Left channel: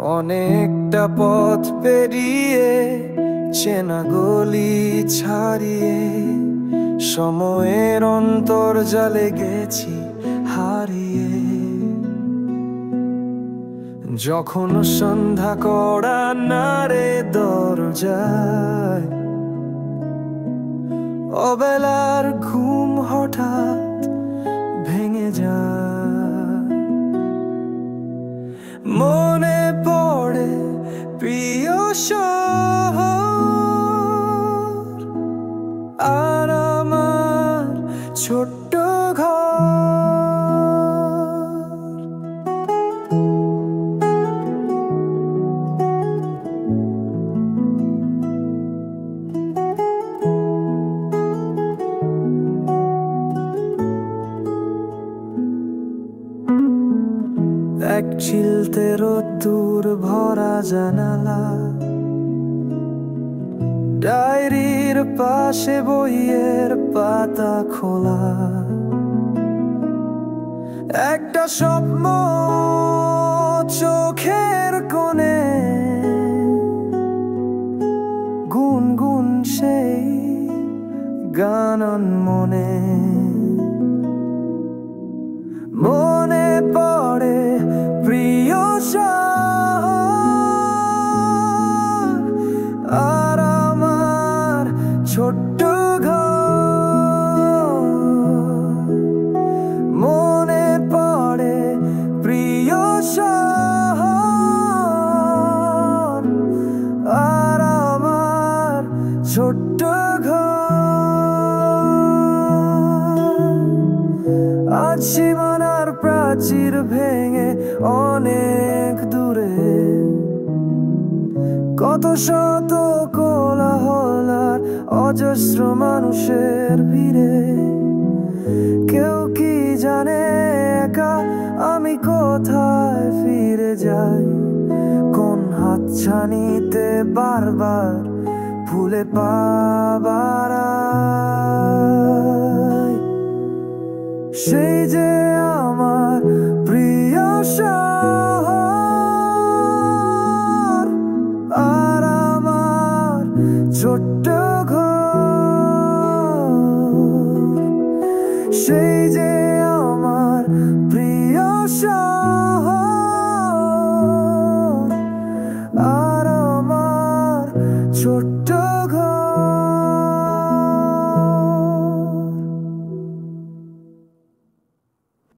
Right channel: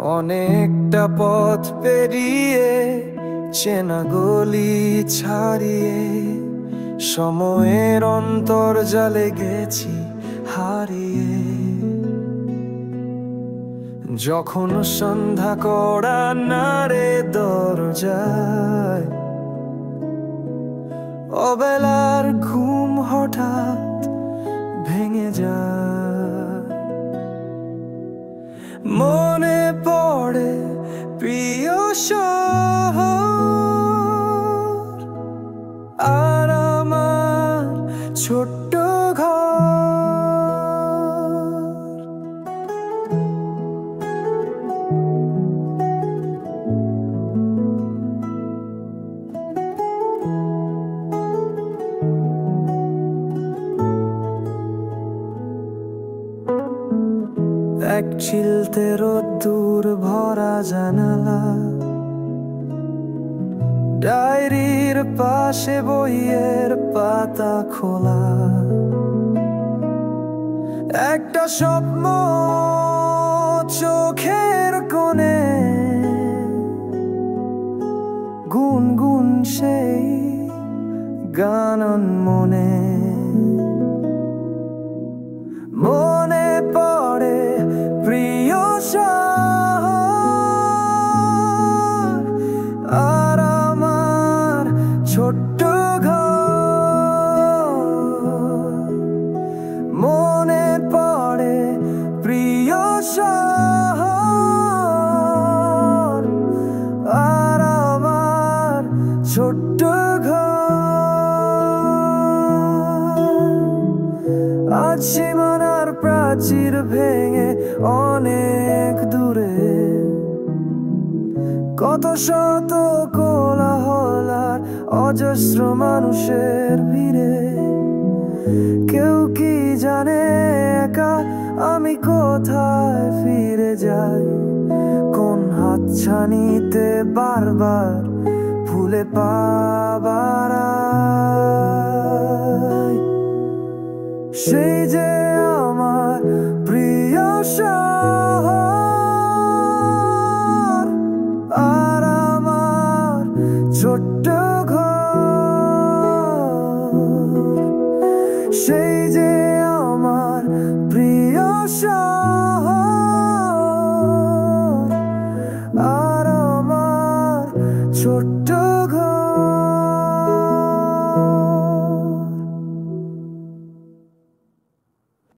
অনেকটা পথ পেরিয়ে চেনা গলি ছাড়িয়ে সময়ের অন্তর্জালে গেছি হারিয়ে। যখন সন্ধ্যা করা নাড়ে দরজায়, অবেলার ঘুম হঠাৎ ভেঙে যায়। মনে পড়ে প্রিয় শহর আর আমার ছোট্ট ঘর। এক চিলতে রোদ্দুর ভরা জানালা, ডায়েরির পাশে বইয়ের পাতা খোলা। একটা স্বপ্ন চোখের কোণে, গুনগুন সেই গান মনে। মনে পড়ে প্রিয় শহর আর আমার ছোট্ট ঘর। মনে পড়ে প্রিয় শহর আর আমার ছোট্ট ঘর। আজ সীমানার প্রাচীর ভেঙে অনেক দূরে, কত শত কোলাহল আর অজস্র মানুষের ভিড়ে। কেউ কি জানে একা আমি কোথায় ফিরে যাই, কোন হাতছানিতে বারবার ভুলে পাবার আয়। সেই যে আমার প্রিয় শহর আর আমার ছোট্ট ঘর। সেই যে আমার প্রিয় শহর আর আমার ছোট্ট